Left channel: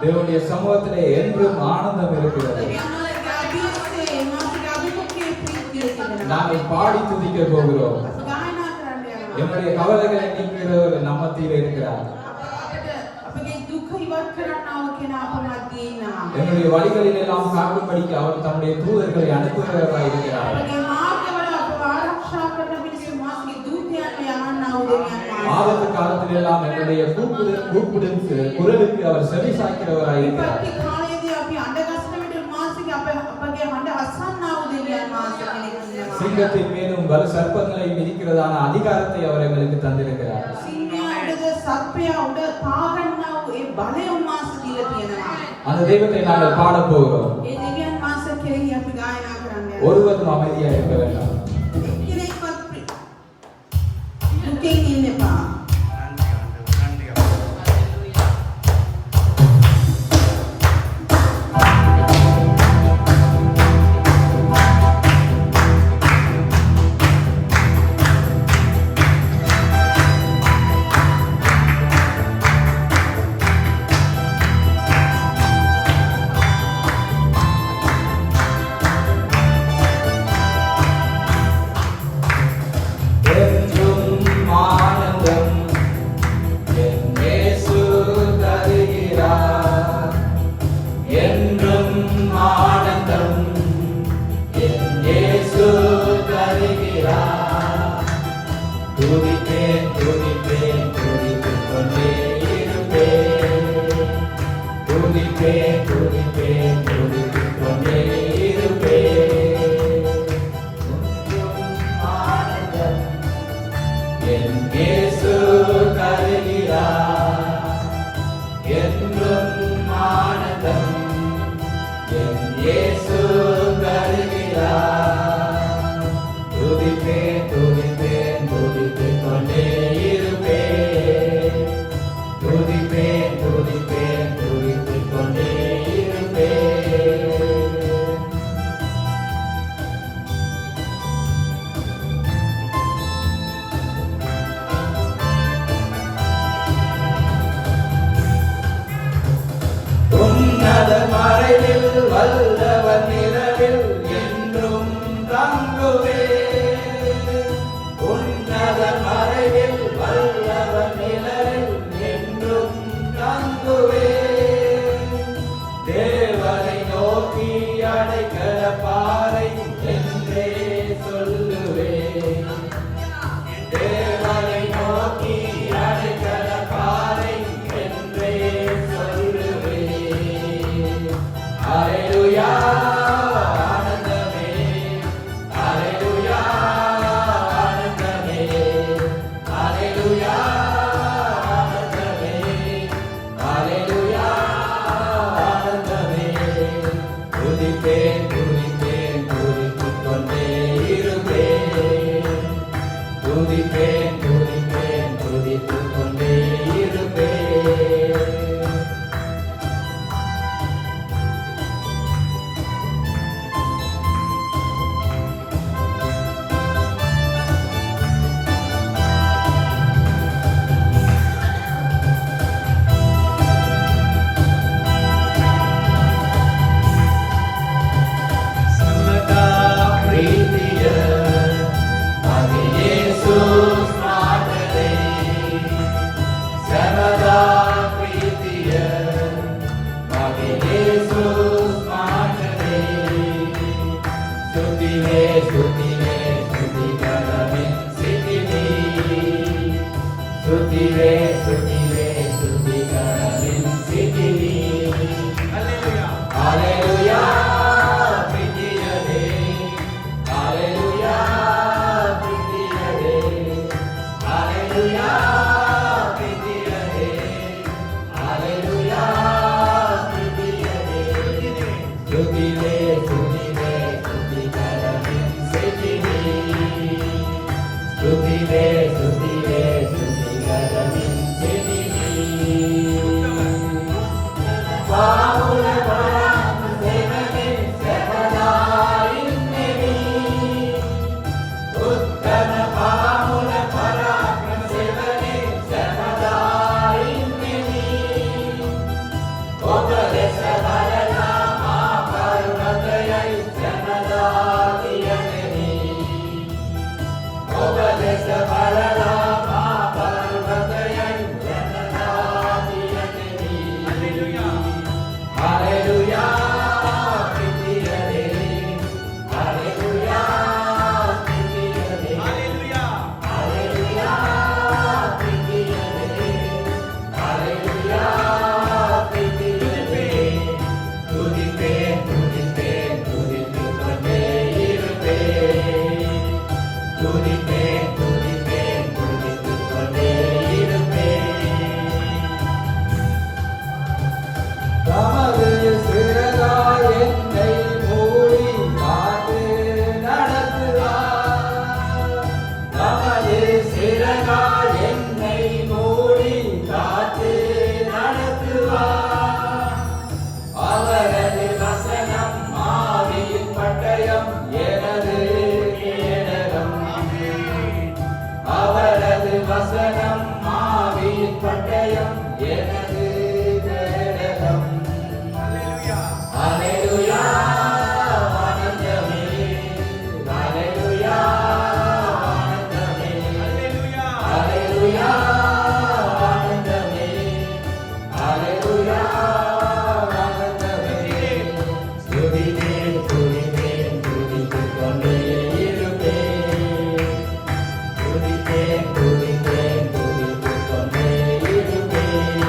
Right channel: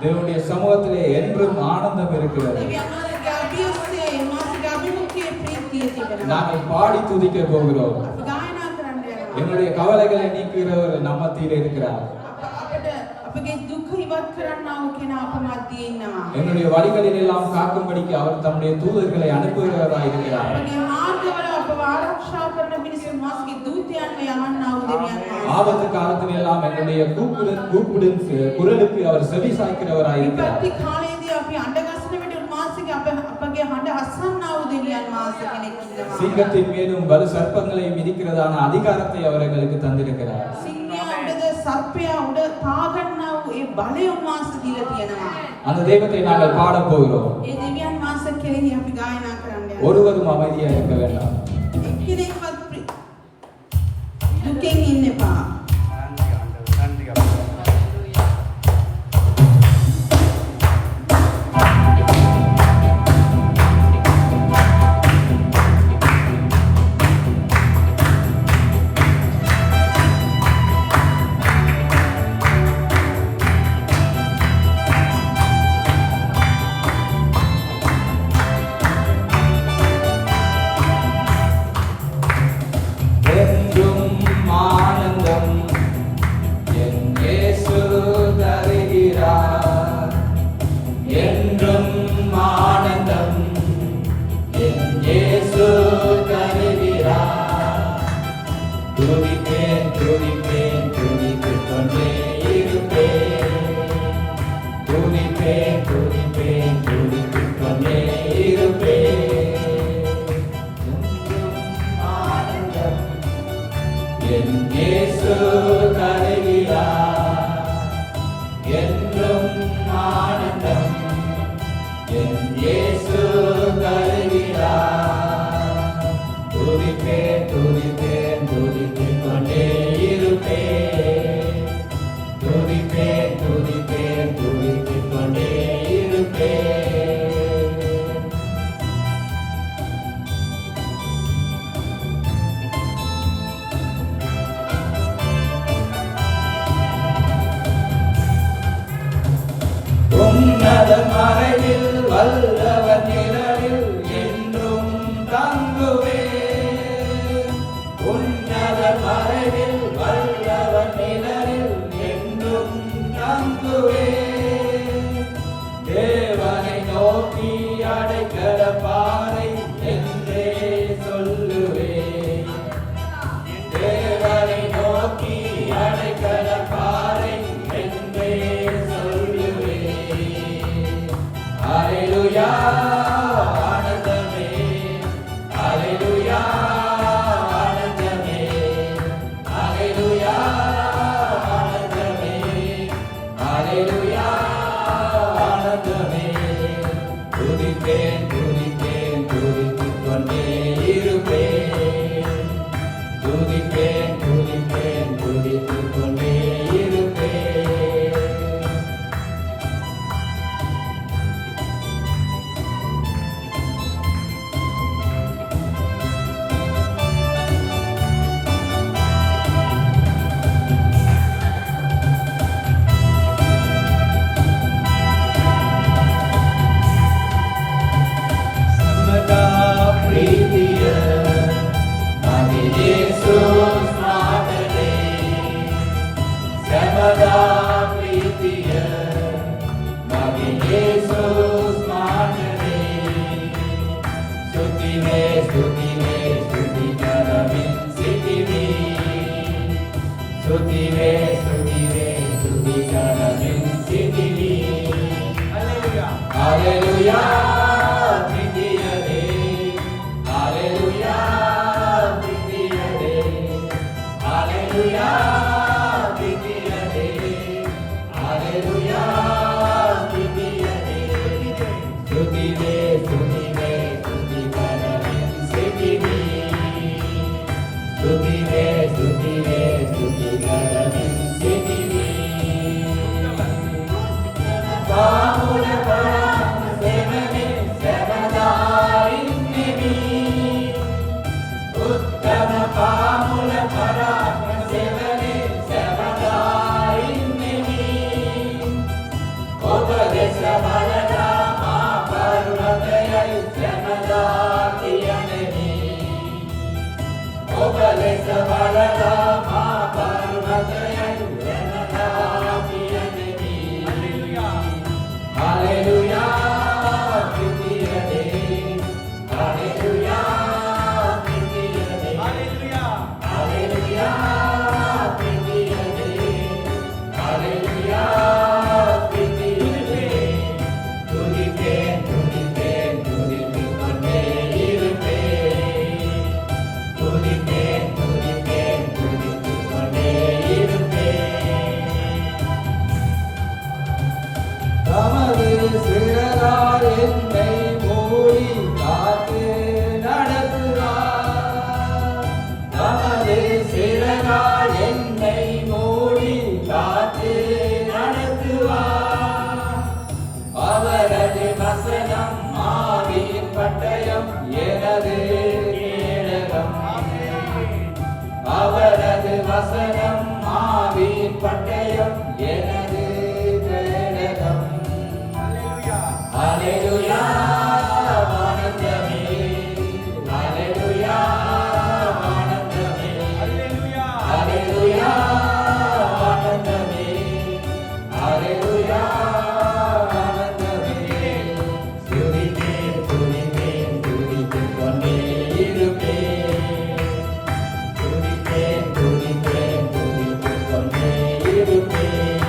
தேவனுடைய சமூகத்திலே என்றும் ஆனந்தம் இருக்கிறது. நாங்கள் பாடி துதிக்க போகிறோம். என்னுடைய கவலைகளை நீக்குகிறவர் நம்ம மத்தியிலே இருக்கிறார். என்னுடைய வழிகளில் எல்லாம் காக்கும்படிக்கு அவர் தன்னுடைய தூதர்களை அனுப்புகிறவராய் இருக்கிறார். ஆபத்து காலத்தில் எல்லாம் என்னுடைய கூப்பிடும் குரலுக்கு அவர் செவி சாய்க்கிறவராய் இருக்கிறார். சிங்கத்தின் மீதும் வலு சர்ப்பங்களை மிதிக்கிறதான அதிகாரத்தை அவர் எங்களுக்கு தந்திருக்கிறார். அந்த தெய்வத்தை நாங்கள் பாட போகிறோம். ஒருவரும் அமைதியா இருக்க வேண்டாம். என்னை மூடி காத்து நடத்துவார். தமது சிறகால் என்னை மூடி காத்து நடத்துவார். அவரது வசனம் ஆவியின் பட்டயம் எனது கேடகம். அவரது வசனம் ஆவியின் பட்டயம் எனது கேடகம். ஹல்லேலூயா ஆனந்தமே, ஹல்லேலூயா ஆனந்தமே, ஹல்லேலூயா ஆனந்தமே, ஹல்லேலூயா ஆனந்தமே. துதிப்பேன் துதிப்பேன் துதித்துக் கொண்டே இருப்பேன். துதிப்பேன் துதிப்பேன் துதித்துக் கொண்டே இருப்பேன்.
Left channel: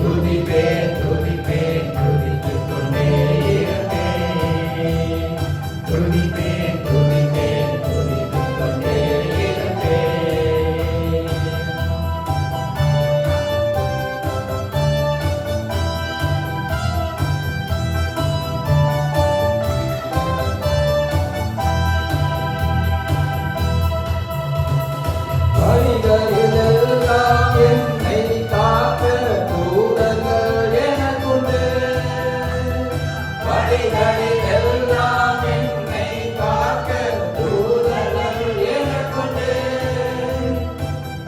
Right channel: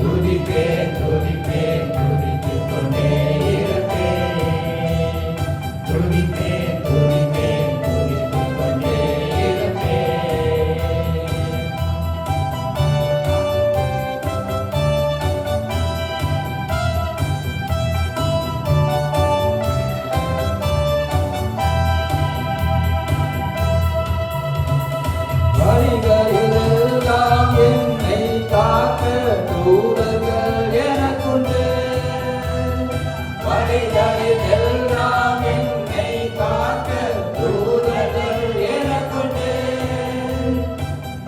துதிப்பேன் துதிப்பேன் துதித்துக் கொண்டே இருப்பேன். துதிப்பேன் துதிப்பேன் துதித்துக் கொண்டே இருப்பேன். வழிகளிலெல்லாம் என்னை காக்க தூதர்கள் எனக்குண்டு. வழிகளிலெல்லாம் என்னை காக்க தூதர்கள் எனக்குண்டு.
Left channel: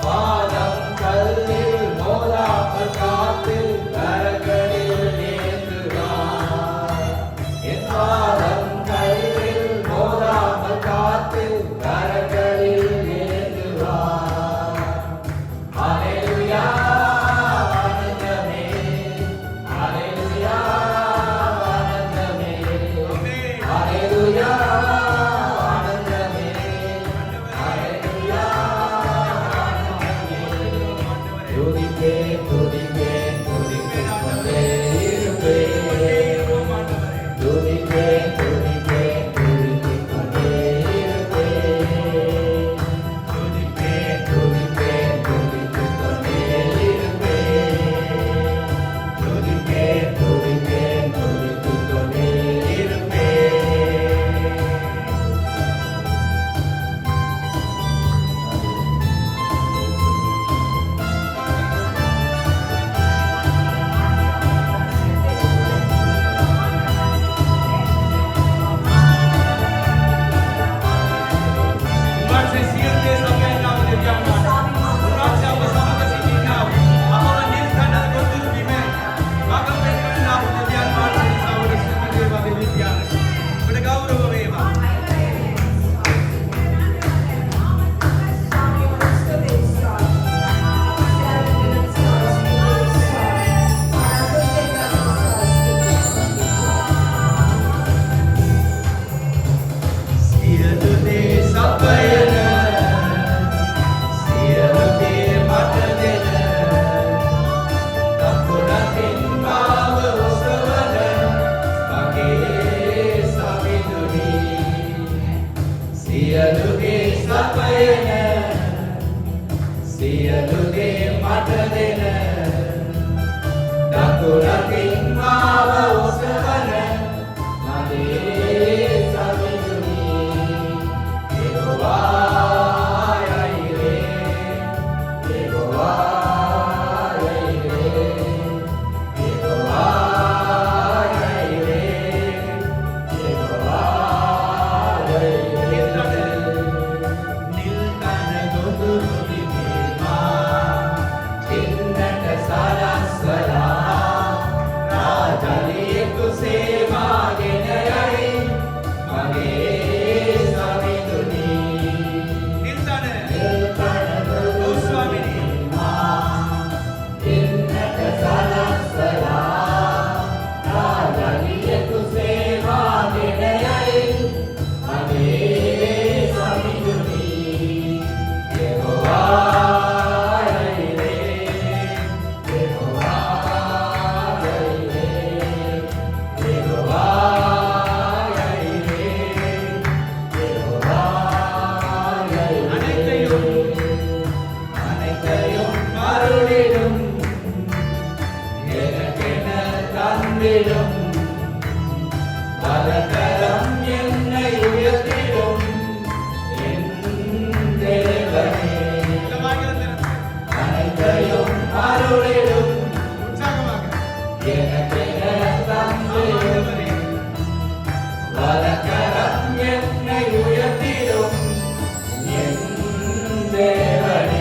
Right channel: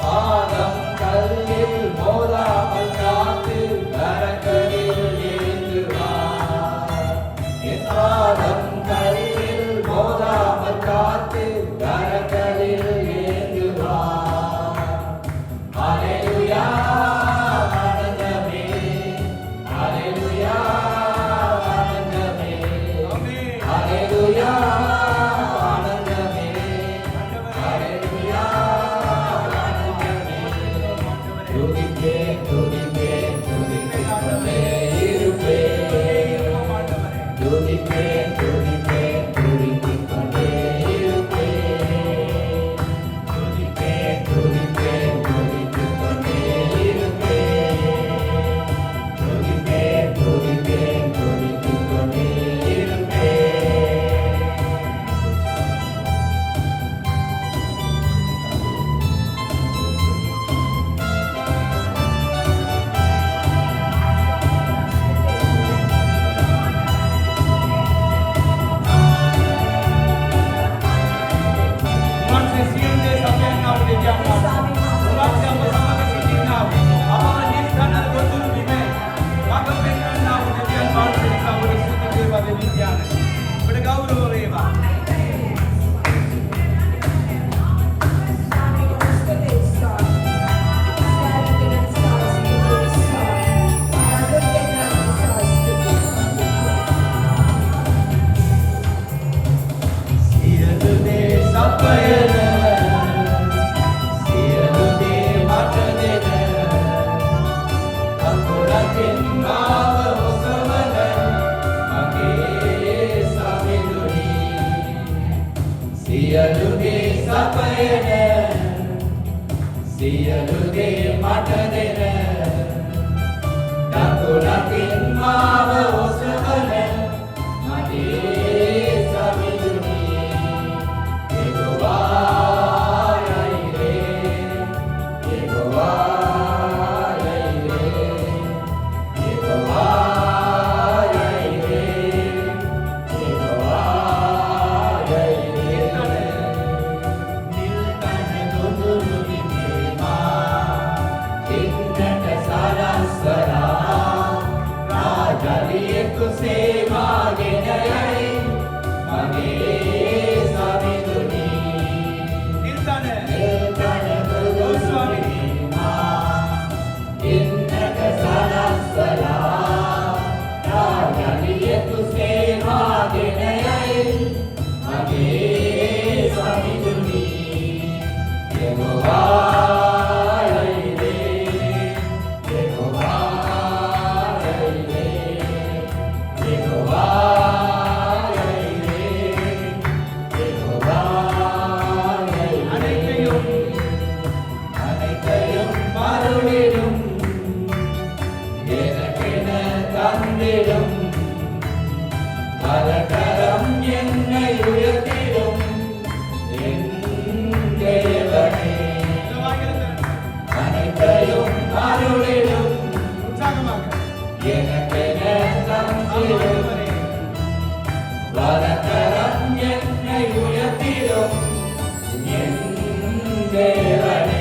பாதம் கல்லில் மோதாமல் காத்து கரங்களில் ஏந்துவார். என் பாதம் கல்லில் மோதாமல் காத்து கரங்களில் ஏந்துவார். ஹல்லேலூயா ஆனந்தமே, ஹல்லேலூயா ஆனந்தமே, ஹல்லேலூயா ஆனந்தமே, ஹல்லேலூயா ஆனந்தமே. துதிப்பேன் துதிப்பேன் துதித்துக் கொண்டே இருப்பேன். துதிப்பேன் துதிப்பேன் துதித்துக் கொண்டே இருப்பேன். துதிப்பேன் துதிப்பேன் துதித்துக் கொண்டே இருப்பேன். துதிப்பேன் துதிப்பேன் துதித்துக் கொண்டே இருப்பேன். සියලුගේ සපයන සියලුගේ මට දෙන දකුණකින් මාව ඔසවන මගේ සමිඳුනි යෙහෝවා යයිරේ යෙහෝවා යයිරේ යෙහෝවා යයිරේ යෙහෝවා යයිරේ නිල්කන ගොදුරු දිනේ මා எனக்கென தந்தீரே. வலக்கரம் என்னை உயர்த்திடும் என் தேவனே.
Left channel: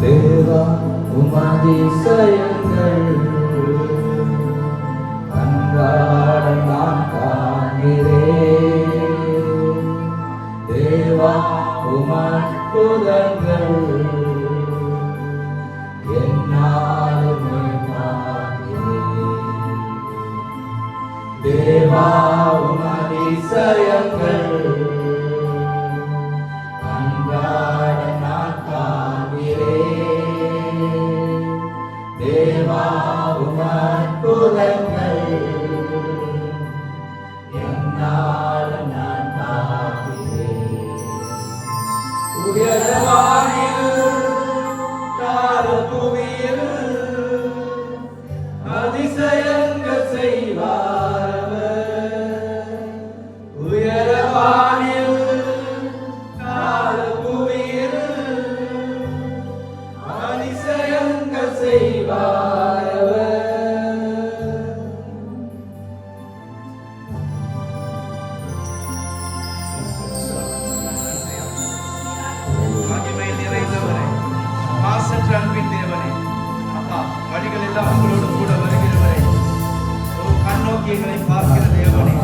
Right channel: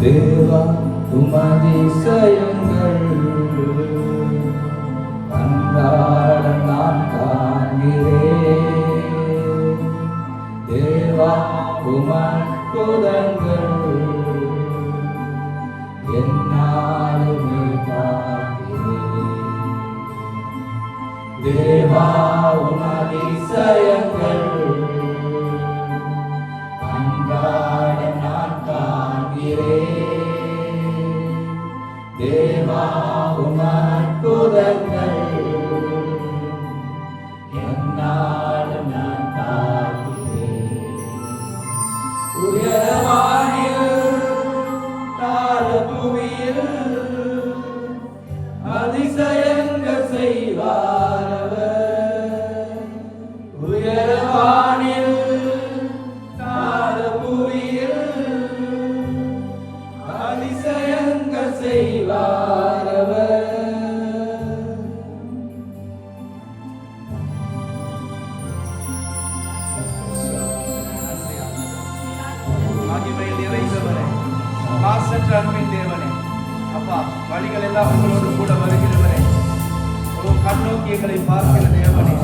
தேவா உமதிசயங்கள் அன்றாடம் நான் காண்கிறேன். தேவா உமன் அற்புதங்கள் என்னாலுமே பார்க்கிறேன். தேவா உமன் அதிசயங்கள் அன்றாட நான் காண்கிறேன். தேவா உமன் அற்புதங்கள் என்னாலும் நான் பார்க்கிறேன். உயரவானில் தாழபூமியில் அதிசயங்கள் செய்வார். உயரவானில் தாழபூமியில் அதிசயங்கள் செய்வார். அன்பின் தேவனே, அப்பா வழிகள் எல்லாம் உங்களோடு கூட வருகிறவரே, ஒரு கண்ணோக்கி எங்களை பார்க்கிற தேவனே,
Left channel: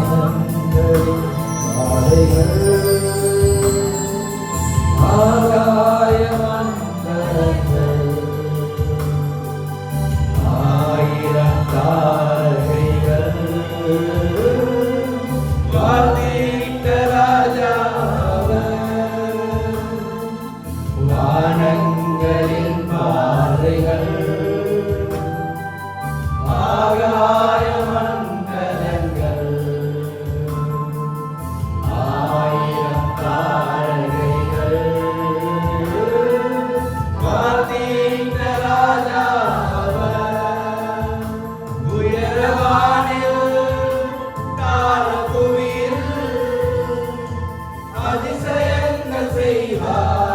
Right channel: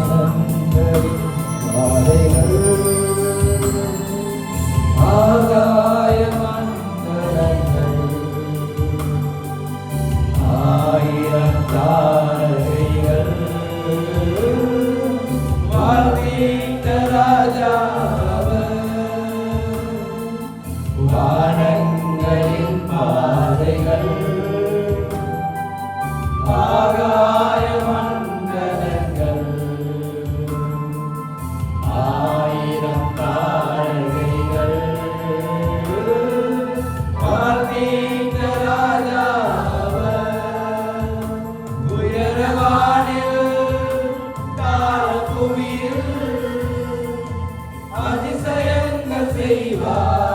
வானங்களின் பாதைகள் ஆகாய மண்டலங்கள் ஆயிரம் தாழ்கைகள் பார்த்தீங்க ராஜாவர். உயரவானில் தாழபூமியில் அதிசயங்கள் செய்வார்.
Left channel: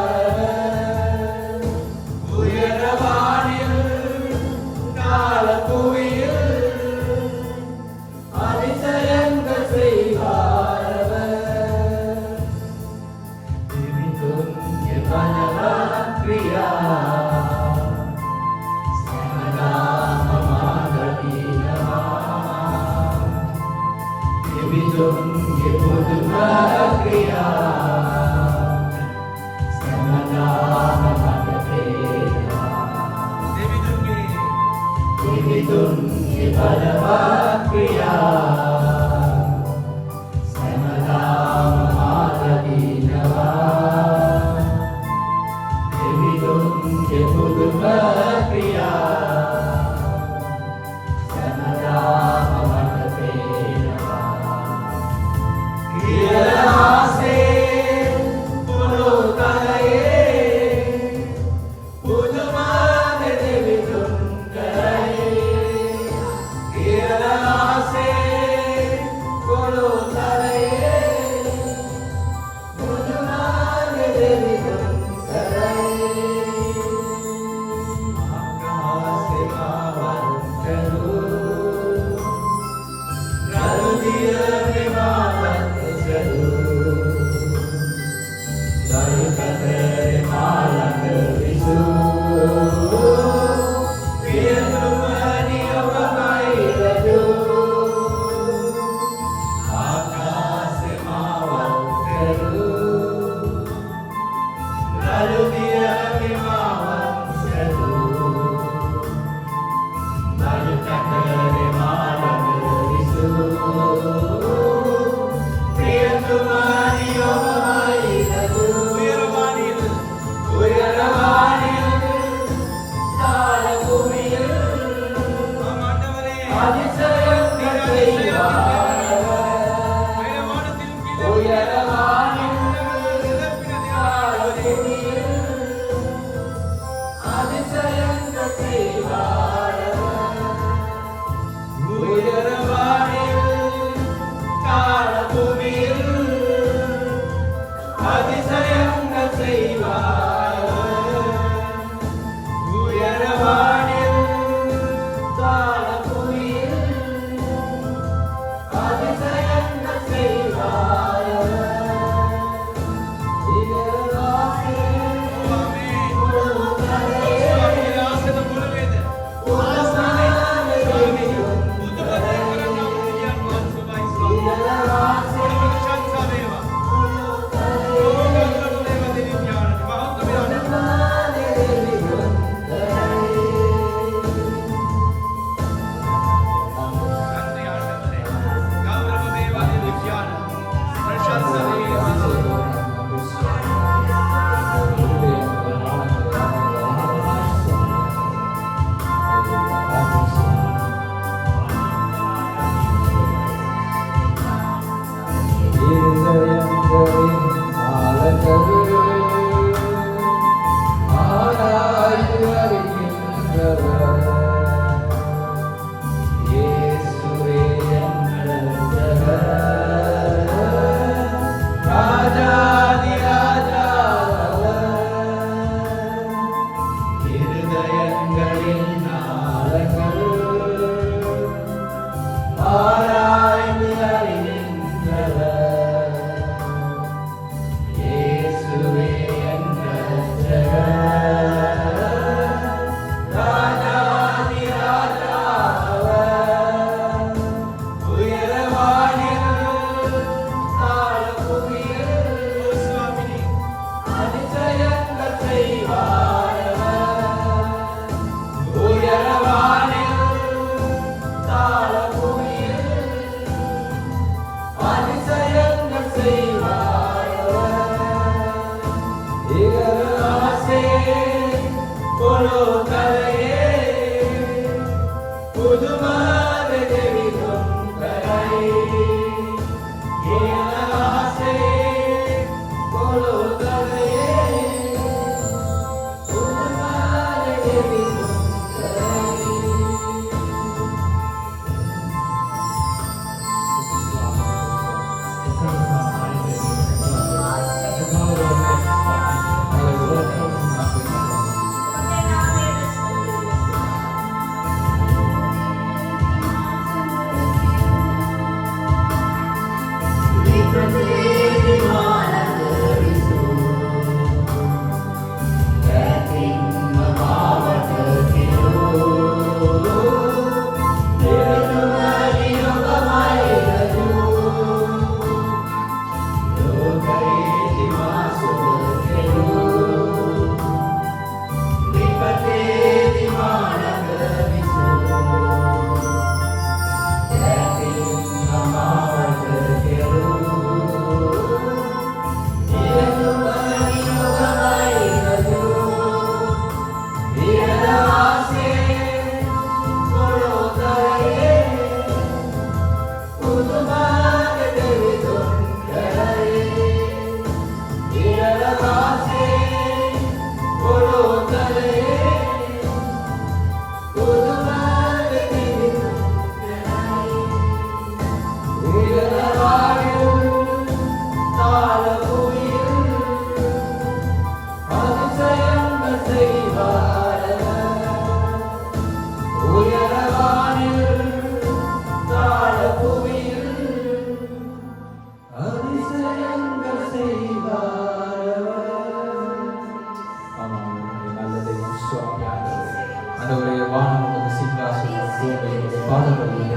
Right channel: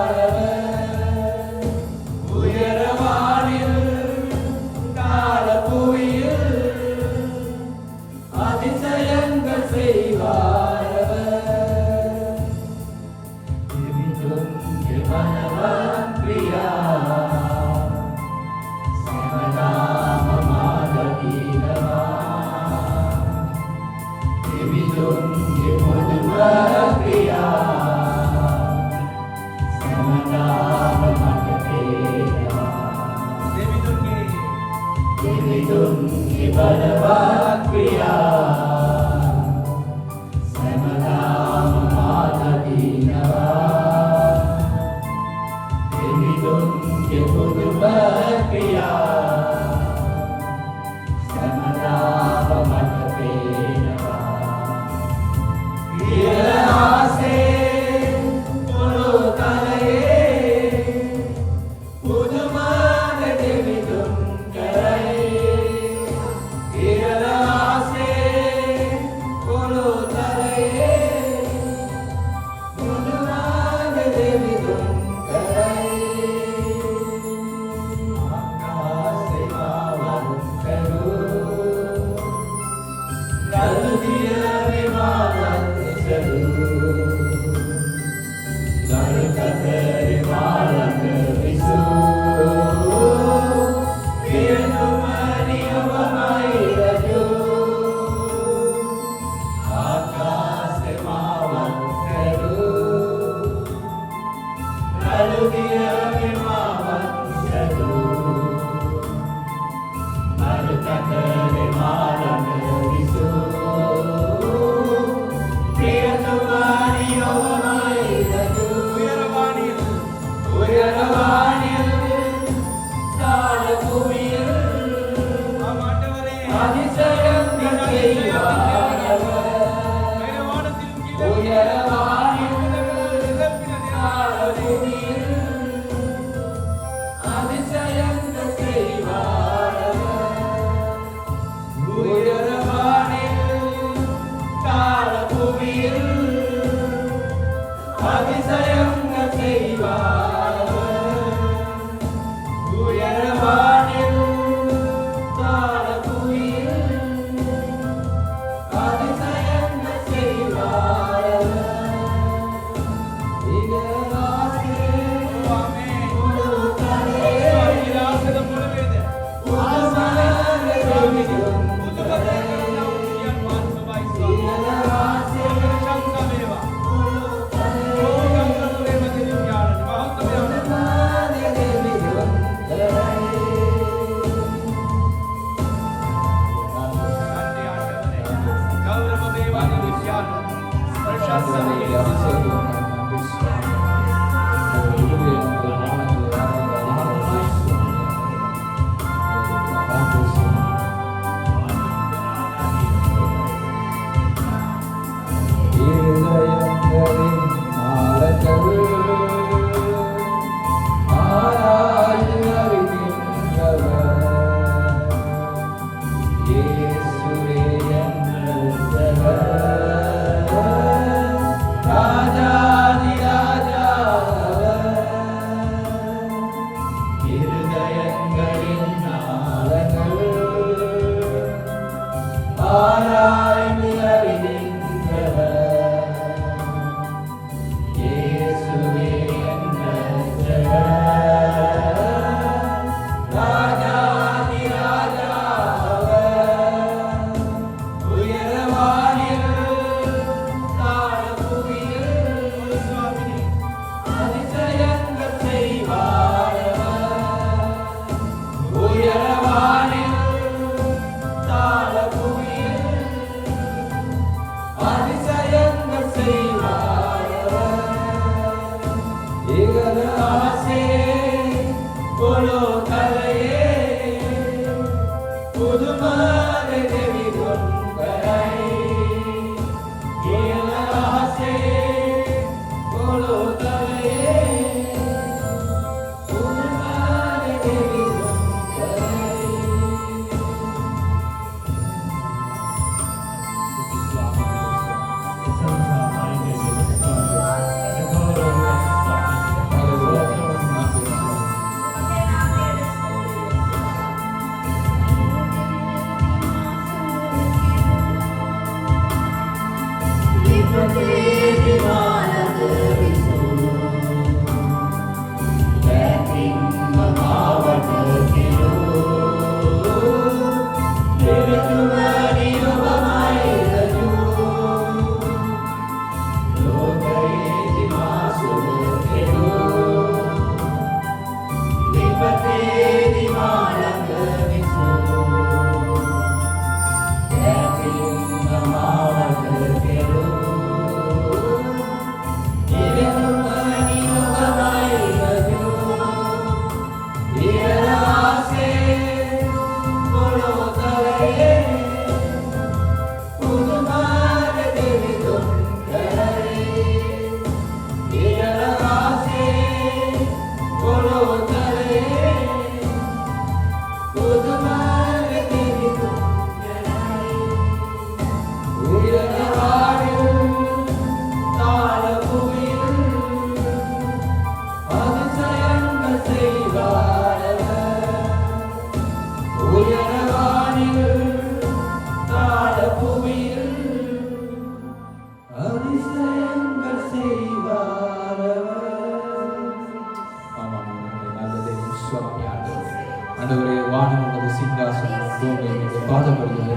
ஆண்டவரே, வானம் உமது சிங்காசனம், பூமி உமது பாதபடியிலே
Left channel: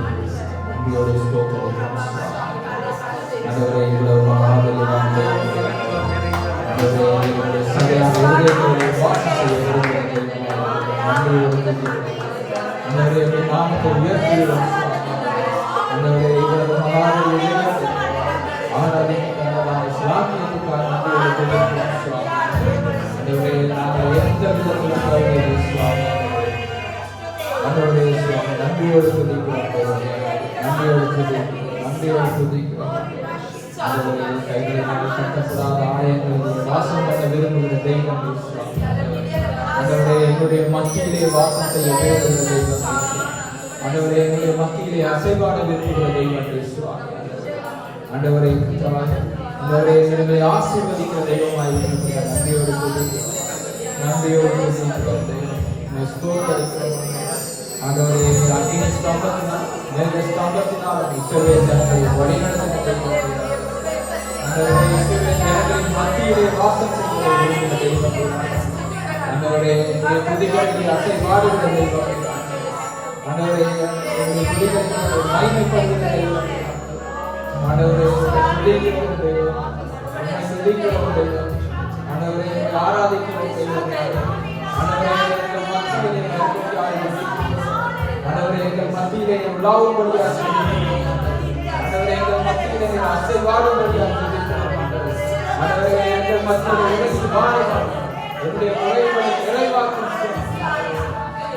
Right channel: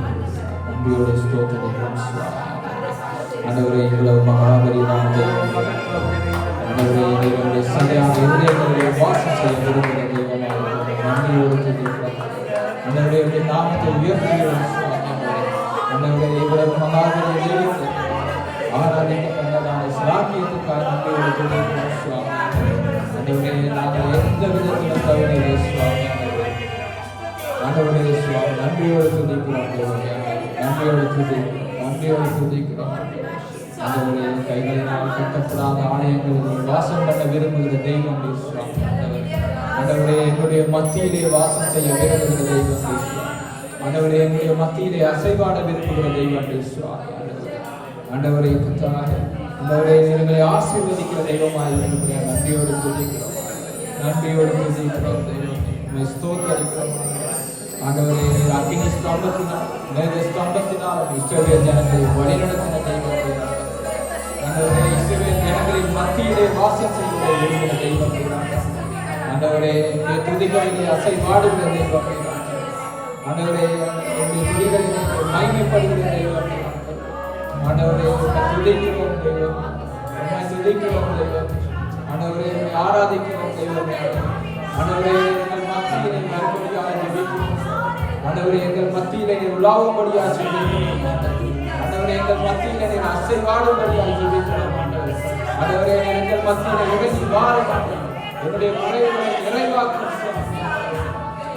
நன்றியோடு ஸ்தோத்திரிக்கிறோம் சுவாமி. ஆண்டவரே, இவ்வளவு மகாபலியான தேவனே, ஆண்டவரே, எங்களுடைய சகையான இதயங்களிலே வாசம் செய்ய விரும்புகிற தேவனே, நன்றியோடு துதிக்கிறோம். ஆண்டவரே, உம்முடைய நாமத்தை உயர்த்துகிறோம் சுவாமி. ஆண்டவரே, இவ்வளவு மகாபலியான தேவனே, ஆராதிக்கிறவராய் ஸ்லாக்கியத்துக்காக நன்றியோடு துதிக்கிறோம் சுவாமி. ஆண்டவரே, நாங்கள் எந்த விதத்திலும் தவறில்லை சுவாமி. ஆண்டவரே சுவாமி, நன்றியோடு துதிக்கிறோம் தேவனே, நன்றியோடு துதிக்கிறோம். ஆண்டவரே, கைகளினால் கட்டப்படாத ஆலயங்களில் வாசம் பண்ண விரும்புகிற தெய்வம் சுவாமி. ஆண்டவரே, என்னுடைய மத்தியிலே வாசம் செய்ய விரும்புகிற தெய்வம் சுவாமி. ஆண்டவரே, என்னுடைய மத்தியிலே அசைவாட விரும்புகிற தெய்வம் சுவாமி. ஆண்டவரே, ஆண்டவரே, எங்களை ஆசீர்வதிக்கிற தெய்வமாய் இருக்கிற நன்றியோடு துதிக்கிறோம். ஸ்தோத்திரிக்கிறோம். ஆண்டவரே, அக்கினி ஸ்தம்பத்தினால் இஸ்ரவேல் ஜனங்களை வழிநடத்தின தெய்வம். ஆண்டவரே, இஸ்ரவேல் ஜனங்களின் மத்தியிலே வாசம் செய்ய விரும்புகிற தெய்வம். ஆண்டவரே, என்னுடைய துதிகளிலே அசைவாடுகிற தெய்வம். ஆண்டவரே, என்னுடைய துதிகளிலே மகிமைப்படுகிற தெய்வம். ஆண்டவரே, துதிக்கிறோம் தெய்வம், துதிக்கிறோம் தெய்வம். ஆண்டவரே, ஆராதிக்கிறோம் தெய்வம். ஆண்டவரே, எங்கள் மத்தியிலே ஆண்டவரே, எங்கள் மத்தியிலே உலாவும்படியாக செய்கிறோம். ஆண்டவரே, எங்கள் மத்தியிலே அசைவாடும்படியாக செய்கிறோம். ஆண்டவரே, எங்கள் மத்தியிலே உயர்ந்து வாழலாம். என்னுடைய குறைகளை நிறைவாக்கும்.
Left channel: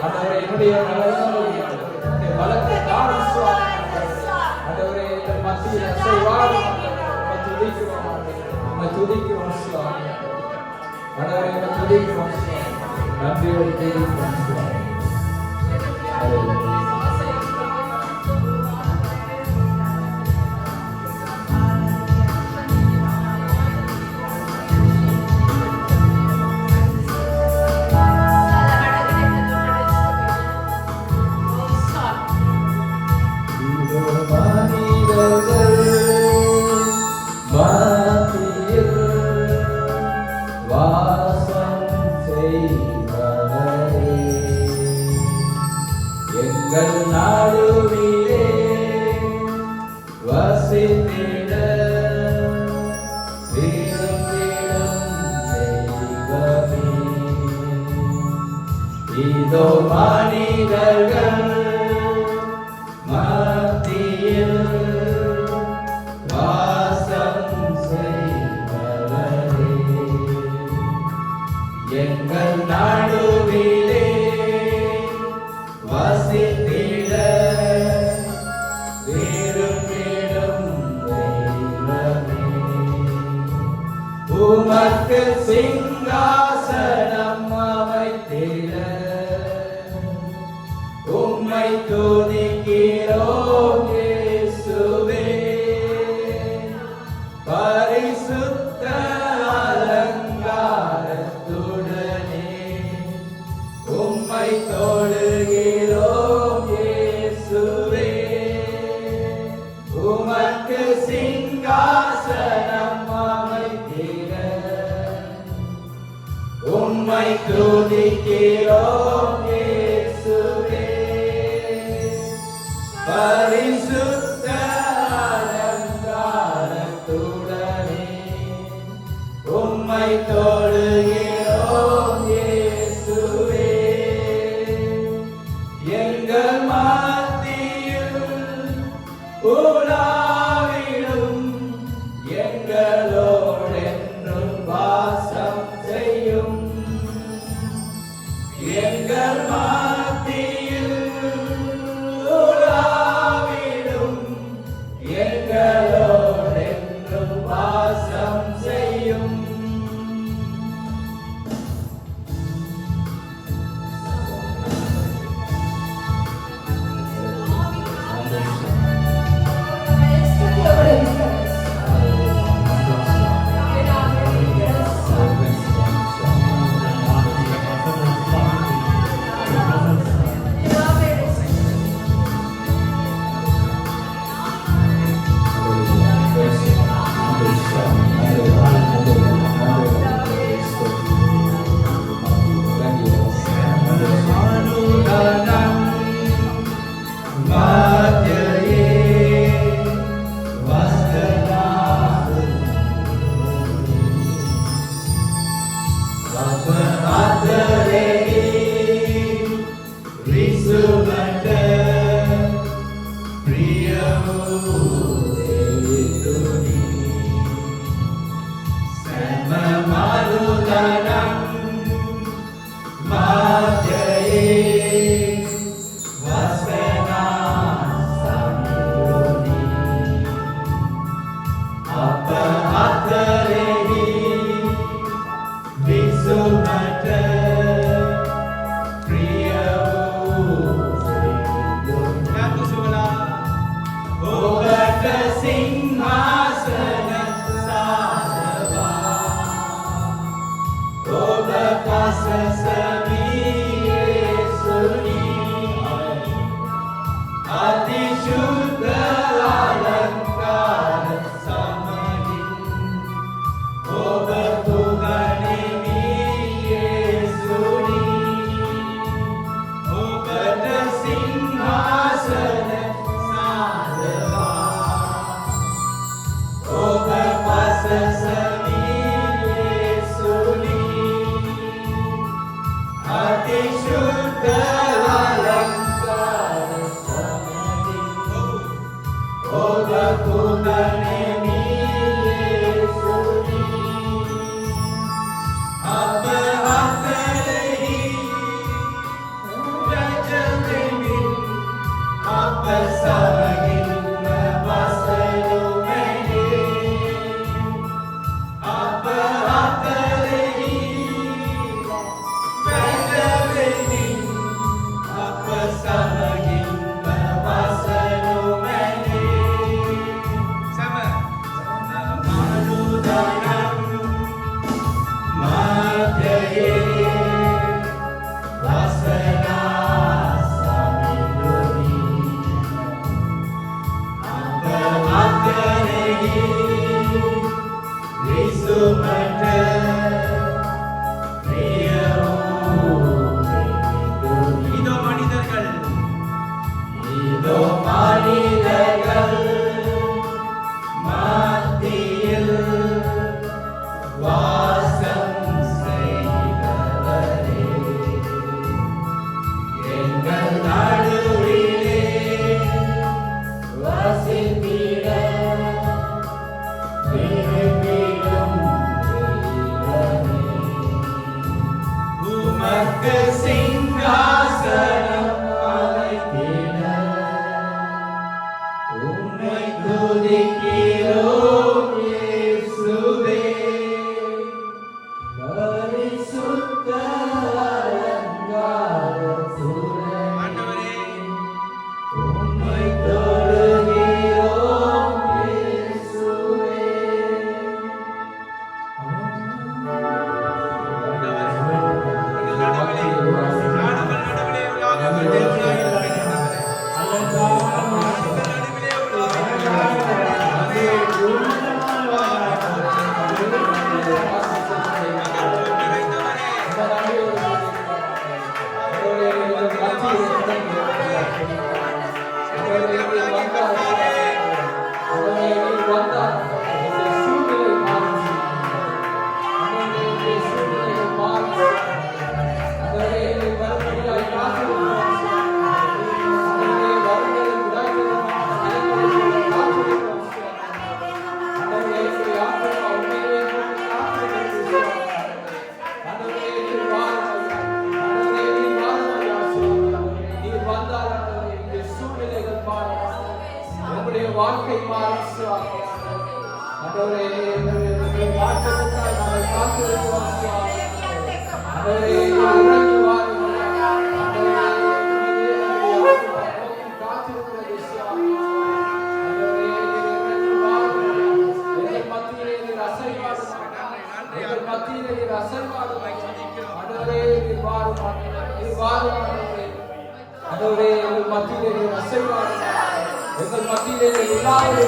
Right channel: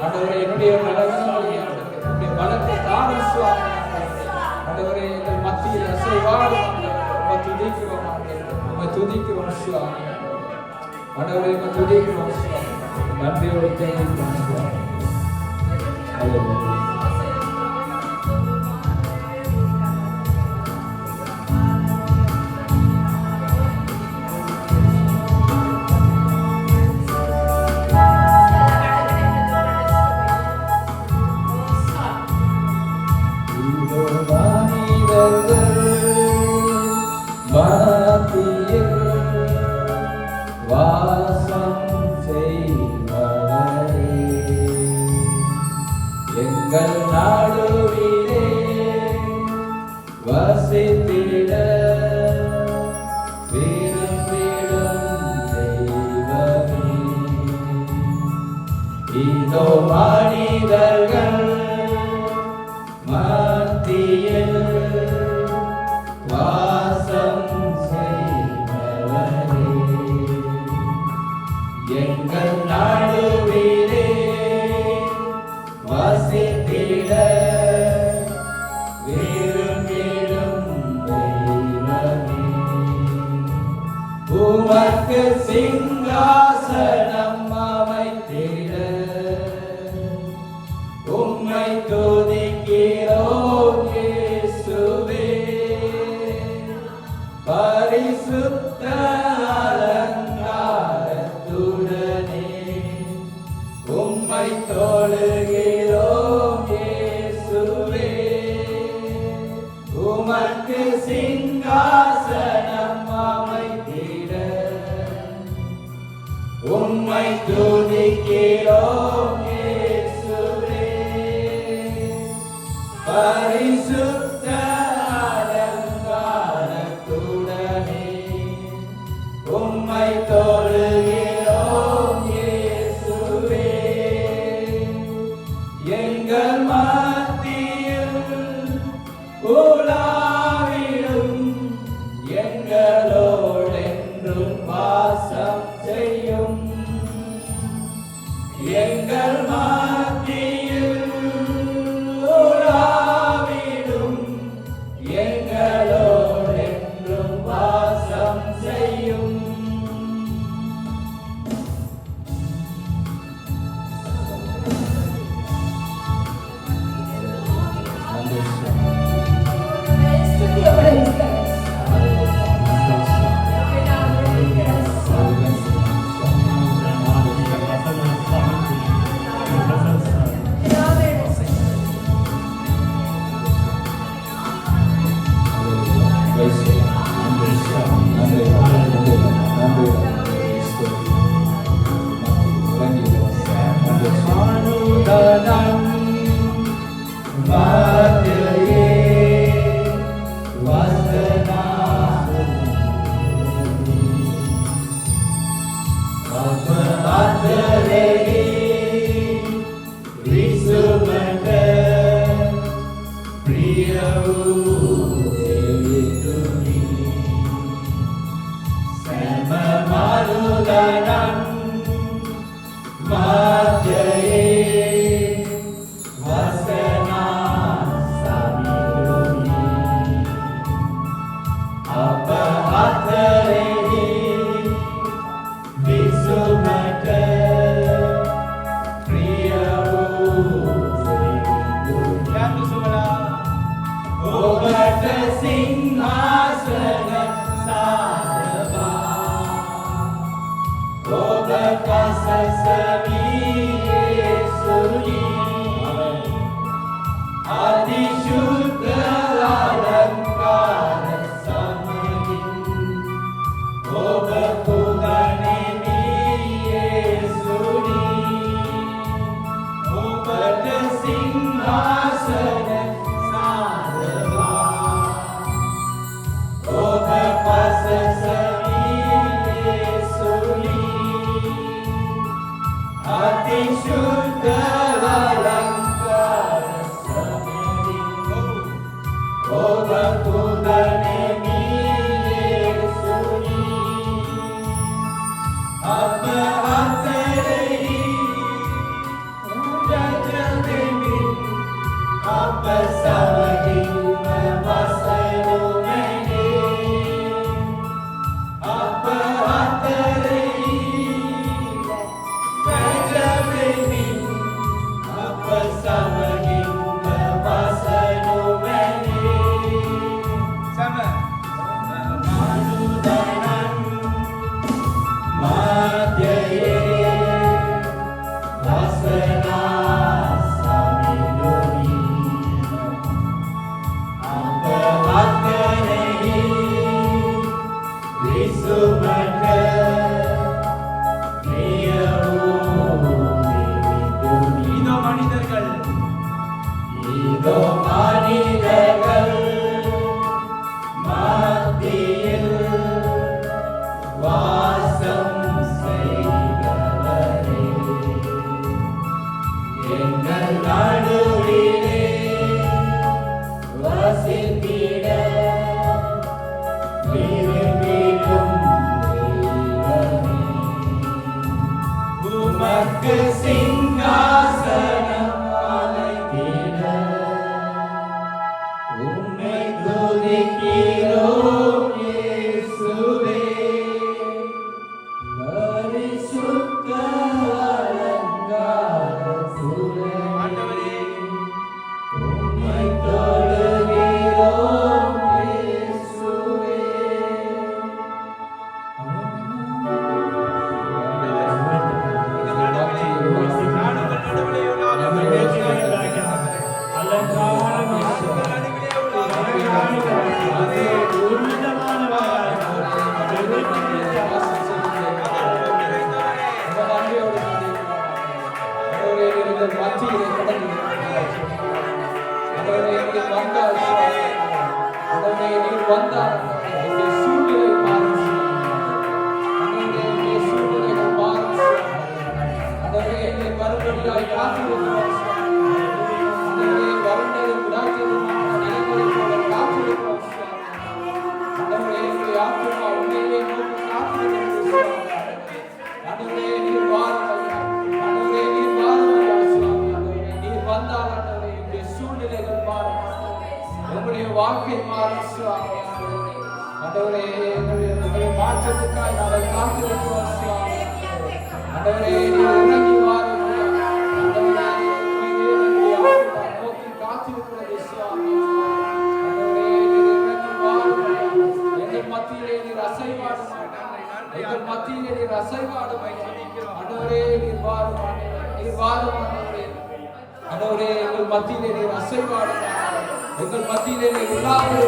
ஆண்டவரே, என்னுடைய வளத்தை தானும் சுவாமி. ஆண்டவரே, எங்கள் மத்தியில் அசைவாடும் துதிக்கிறோம். துதிக்கிறோம் சுவாமி. ஆண்டவரே, துதிக்கிறோம் சுவாமி. நன்றியோடு துதிக்கிறோம் சுவாமி. எங்கள் நாடுவிலே வசித்திட விரும்பிடும் தெய்வமே, இதோ மனிதர்கள் மத்தியில் வாசம் செய்பவரே. எங்கள் நாடுவிலே வசித்திட சிங்காசனம் அமைத்திட உம்மை துதிக்கிறோம் இயேசுவே. பரிசுத்த அலங்காரத்துடனே உம்மை தொழுகிறோம் இயேசுவே. உமக்கு சிங்காசனம் அமைத்திட உம்மை துதிக்கிறோம் இயேசுவே. பரிசுத்த அலங்காரத்துடனே உம்மை தொழுகிறோம் இயேசுவே. எங்கள் மத்தியில் உலாவிடும் எங்களோடென்றும் வாசம் செய்யும். எங்கள் மத்தியில் உலாவிடும் எங்களோடென்றும் வாசம் செய்யும். நீர் வந்தால் எங்களுடைய சூழ்நிலை மாறும் ஆண்டவரே, எங்களுடைய சூழ்நிலைகள் மாறும் ஆண்டவரே, நீர் வரும்படியாய் காத்திருக்கிறோம் ஆண்டவரே, வரும்போது விடாய்க்கிறோம் காத்திருக்கிறோம் ஆண்டவரே, எங்களுடைய ஆத்மா உண்மையிலே நோக்கி காத்திருக்கிறது ஆண்டவரே, நீர் வாரும் ஆண்டவரே, நீர் வாரும் ஆண்டவரே, நீர் வந்தால் ஆண்டவரே எங்களுடைய சூழ்நிலைகள் மாறும் எங்களுடைய வாழ்க்கை மாறும் சுவாமி ஆண்டவரே, எங்களுடைய மாற்றத்துக்காக நாங்கள் காத்திருக்கிறோம் சுவாமி ஆண்டவரே, நீர் இறங்கி வாரும் ஆண்டவரே, நீர் எங்களுடைய ஆத்மா நோக்கி காத்திருக்கிறது சுவாமி ஆண்டவரே, நீர் இறங்கி வாரும் எங்கள் மத்தியிலே நீர் அசைவாடும் எங்கள் மத்தியிலே நீர் அசைவாடும் ஆண்டவரே, நீர் வாரும் நீர் வாரும் ஆண்டவரே, எங்கள் மத்தியிலே நீர் அசைவாடும் எங்கள் மத்தியிலே நீர் இல்லாமல்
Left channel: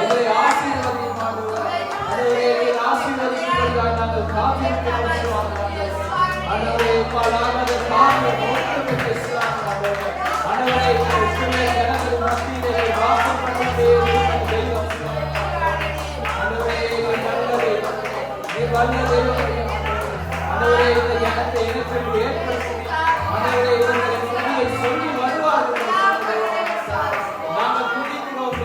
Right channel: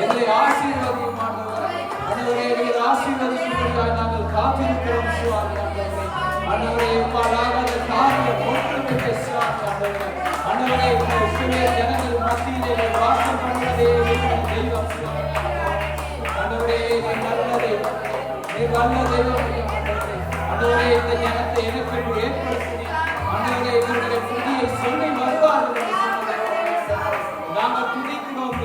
எங்களை ஆசீர்வதியும் ஆண்டவரே, நீர் ஆசீர்வதிக்கும்படியாக நாங்கள் காத்திருக்கிறோம் சுவாமி ஆண்டவரே, உம்மாலானது காரியம் ஒன்றுமில்லை சுவாமி ஆண்டவரே, உம்முடைய சிறிய ஜனங்கள் மத்தியிலே நீர் வாசம் பண்ணிட்டே இருக்கிற தெய்வம் ஆண்டவரே, நீர் வல்ல தெய்வம் ஆண்டவரே, இந்த ஞானத்தை எனக்கு ஏற்படுத்தி ஆண்டவரே, இவருடைய துணியை சொல்லி வருவார்கள் நாங்கள் துணிக்கிறோம்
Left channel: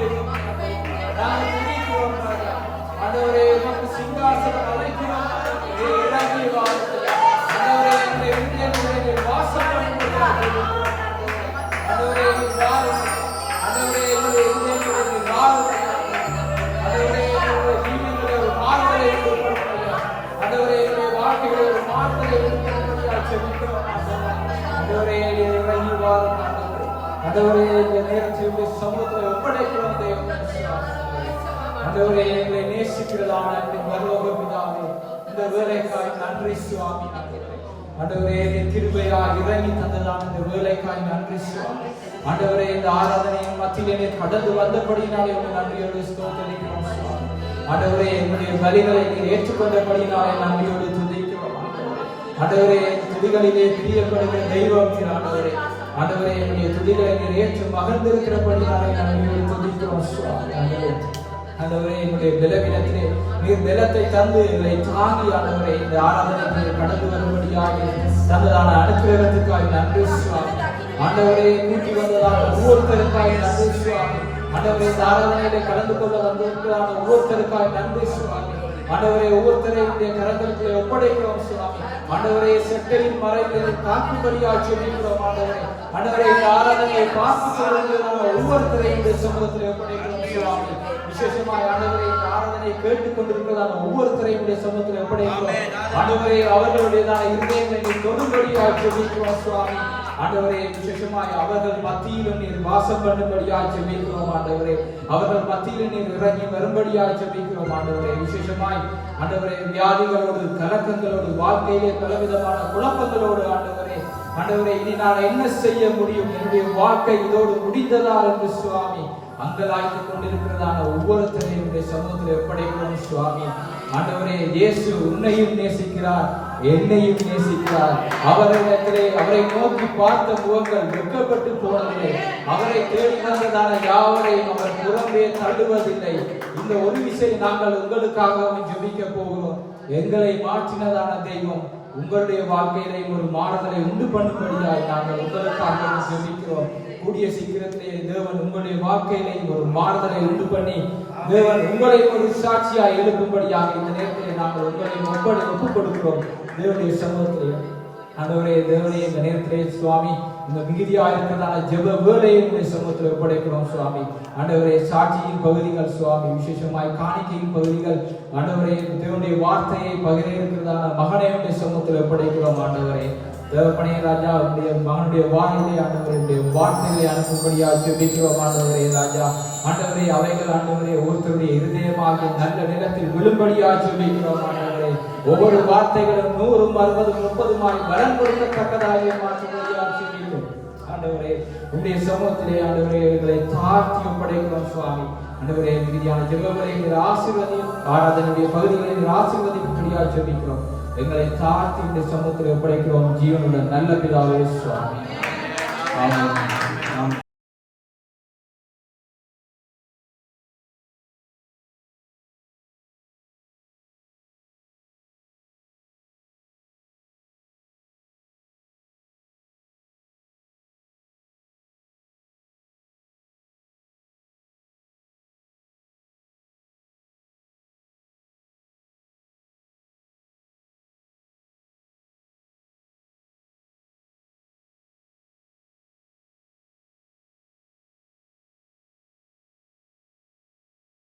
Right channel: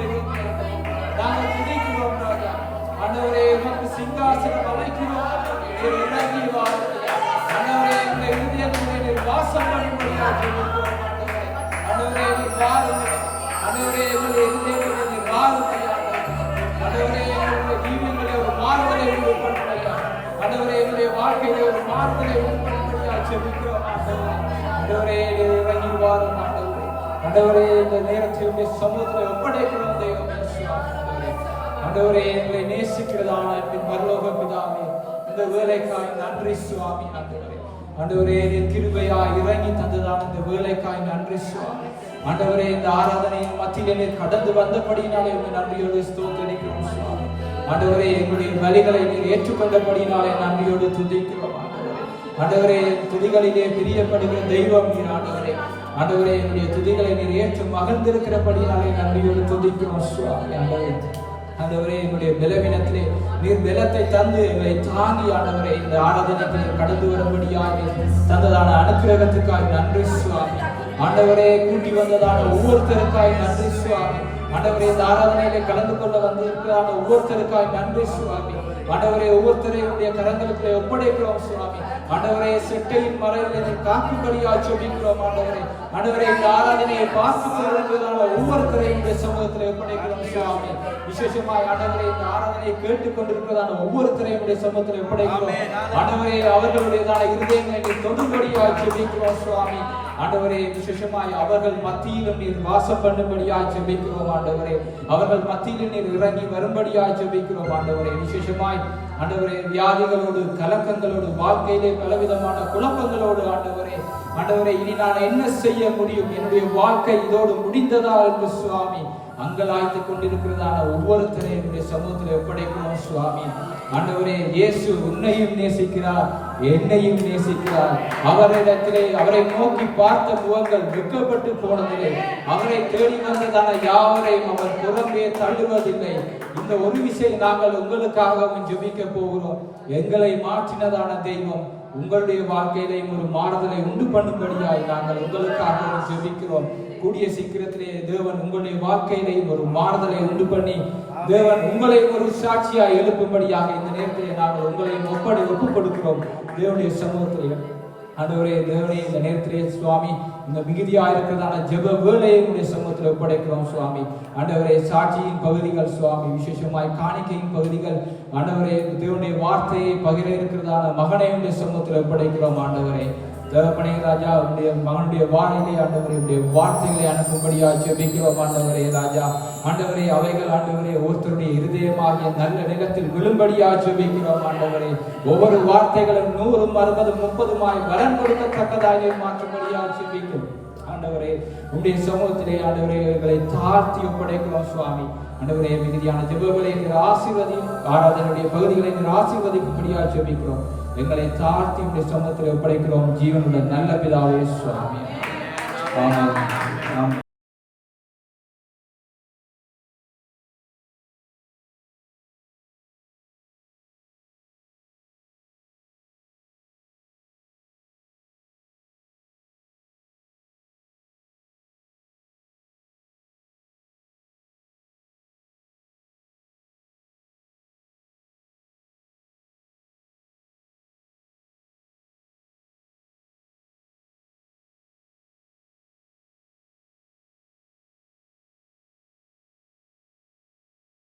நாங்கள் துணிக்கிறோம் ராஜா ஆண்டவரே, உமக்கு சிங்காசனம் அமைக்கிறோம் நீர் இறங்கி வாருங்கள் ஆண்டவரே, எங்களுடைய இருதயத்திலே நீர் வாசம் பண்ணும்படியாக ஆண்டவரே, நீர் வாரும் ஆண்டவரே, எங்களுடைய இருதயத்திலே நீர் வாருங்கள் ஆண்டவரே, எங்களுடைய ஜீவனிலே ஒரு மாறுதலை உருவாக்குங்கள் ஆண்டவரே, என்னுடைய வாழ்க்கையிலே ஒரு மாறுதலை உருவாக்கும்படியாக ஜெபிக்கிறோம் ஆண்டவரே, நீர் இறங்கி வாரும் ஆண்டவரே, இந்த நேரத்தில் சமூகத்தை ஒப்படைக்கிறோம் தேவனே ஆண்டவரே, எங்களை நேசிக்கிறதான பரலோக பிதாவே, இந்த வேலைக்காய் நன்றி சுவாமி ஆண்டவரே, நீர் கிருபையாய் இறங்கி தந்ததான இந்த வேலைக்காய் நன்றி சுவாமி ஆண்டவரே, இந்த ஆராதனையின் மத்தியிலே நீர் கடந்து வந்தபடியினாலே உங்கள் நன்றியோடு ஸ்தோத்திரிக்கிறோம் சுவாமி ஆண்டவரே, எங்களுடைய பலிகளை நீர் ஏற்றுக்கொண்டபடியினாலே நன்றியோடு துதிக்கிறோம் ஆண்டவரே, துதிகளிலே பிரியப்படுகிற தெய்வம் நீர் ஆண்டவரே ஆண்டவரே, என்னுடைய துதிகளை நீர் ஏற்று மகிழ்ந்திருக்கிறபடியாலே நன்றியோடு துதிக்கிறோம் சுவாமி ஆண்டவரே, என்னுடைய பலவீனத்திலே நீர் பலத்தை தந்து எங்களை தாங்கி ஆண்டவரே, இந்த ஆராதனைக்கு கடந்து வரும்படியாக தந்ததான அனுக்கிரகத்துக்காக நன்றி சுவாமி ஆண்டவரே, கூட்டி வந்ததான ஒவ்வொருத்தருக்காக நன்றி சுவாமி ஆண்டவரே, இந்த ஆராதனையிலே கலந்து கொள்ள வந்திருக்கிறான ஒவ்வொருத்தருக்காக நன்றி சுவாமி ஆண்டவரே, ஒவ்வொருத்தரையுடைய கரங்களுக்குள்ளே ஒப்படைக்கிறோம் சுவாமி ஆண்டவரே, செட்டையின் மறைவிலே காக்கும்படியாக ஜெபிக்கிறோம் ஆண்டவரே ஆண்டவரே, இந்த ஆராதனையை பார்த்துக் கொள்வதற்கான ஒவ்வொருத்தரையுடைய சமூகத்தில் ஒப்படைக்கிறோம் சுவாமி விசேஷமாய் ஆண்டவரே, இந்த ஆராதனையை கேட்டுக் கொண்டிருக்கிறதான ஒவ்வொருத்தரையுடைய சமூகத்தில் ஒப்படைக்கிறோம் ஆண்டவரே, அவர்களுடையதான இருதயங்களை நீர் தொடும்படியாக ஜெபிக்கிறோம் சுவாமி ஆண்டவரே, விசேஷமாய் அவர்கள் மத்தியில் நீர் வாசம் பண்ணும்படியாக ஜெபிக்கிறோம் ஆண்டவரே, அவர்கள் மத்தியில் நீர் இறங்கி வரும்படியாக ஜெபிக்கிறோம் ஆண்டவரே, விசேஷமாய் ஆண்டவரே, வியாதிகளோடு கலக்கங்களோடு வாழ்க்கையிலே பலவிதமான குழப்பங்களோடு ஆண்டவரே, இனி நான் என்ன செய்ய முடியும், என்னுடைய வாழ்க்கை இதோடு முடிந்ததா என்று சுவாமி அங்கலாய்த்துக் கொண்டிருக்கிறதான ஒவ்வொருத்தரையும் சமூகத்தில் ஒப்படைக்கிறோம் சுவாமி ஆண்டவரே, இயேசு உன்னையும் நேசிக்கிறார், என்னையும் நேசிக்கிறார். அவரிடத்திலே அவரை நோக்கி பார்த்த முகங்கள் வெட்கப்பட்டு போனதில்லை. அவரை தேடி வந்ததான யாவரையும் அவர் புறம்பே தள்ளுவதில்லை. இந்த ஒரு விஷயம் நாங்கள் உங்களுக்காகவும் ஜெபிக்க போகிறோம். எங்களை மாற்றினதான தெய்வம் உங்களுடைய வாழ்க்கையிலே ஒரு மாறுதலை உண்டு பண்ணும்படியாக நாங்கள் உங்களுக்காக ஜெபிக்கிறோம். கூடிய சீக்கிரத்திலே தேவன் உங்களுடைய வாழ்க்கையிலே ஒரு மாறுதலை உண்டு பண்ணி தேவன் உங்களை ஒரு சாட்சியாய் எழுப்பும்படியாக இந்த நேரத்திலே நாங்கள் உங்களை ஒப்புக் கொடுக்கிறோம். தேவனுடைய சமூகத்திலே ஆண்டவரே, தேவனே, இந்த நேரத்திலே சுவாமி இந்த மிகுதியாக இருக்கிறதான ஜெப வேலையை சமூகத்தில் ஒப்படைக்கிறோம் சுவாமி. ஆண்டவரே, சாட்சியின் பகுதிகள் சுவாமி, விசேஷமாய் காணிக்கையின் பகுதிகள் ஆண்டவரே, தேவனுடைய வார்த்தையை பகிர இருக்கிறதான மகனை சமூகத்தில் ஒப்படைக்கிறோம். ஆண்டவரே, தேவப்பனே ராஜா, உடைய மகனுடைய வாயிலே ஆண்டவரே உடைய வார்த்தைகளை அனுப்பும்படியாக ஜெபிக்கிறோம். ஆண்டவரே ராஜா, ஆண்டவரே, அவைகள் ஆண்டவரே ஒருத்தருடைய இருதயமாக நல்ல நிலத்தில் விழும்படியாக ஜெபிக்கிறோம். ஆண்டவரே, ஒவ்வொரு வார்த்தைகளும் 100, 60, 30 பலன் கொடுக்கத்தக்கதாக மாற்றும்படியாக ஜெபிக்கிறோம். ஆண்டவரே, உடைய சமூகத்திலே ஆண்டவரே எங்களை தாழ்த்தி ஒப்படைக்கிறோம் சுவாமி. ஆண்டவரே, மிகுதியான ஜெபங்களை எங்கள் ஆசீர்வதியும் ஆராதனுடைய பகுதிகளை எங்கள் ஆசீர்வதிக்கும்படியாக ஜெபிக்கிறோம். எங்களை தாழ்த்தி உடைய சமூகத்தில் ஒப்படைக்கிறோம். ஜீவனுடன் நல்ல பிதாவே சுவாமி. ஆமென்.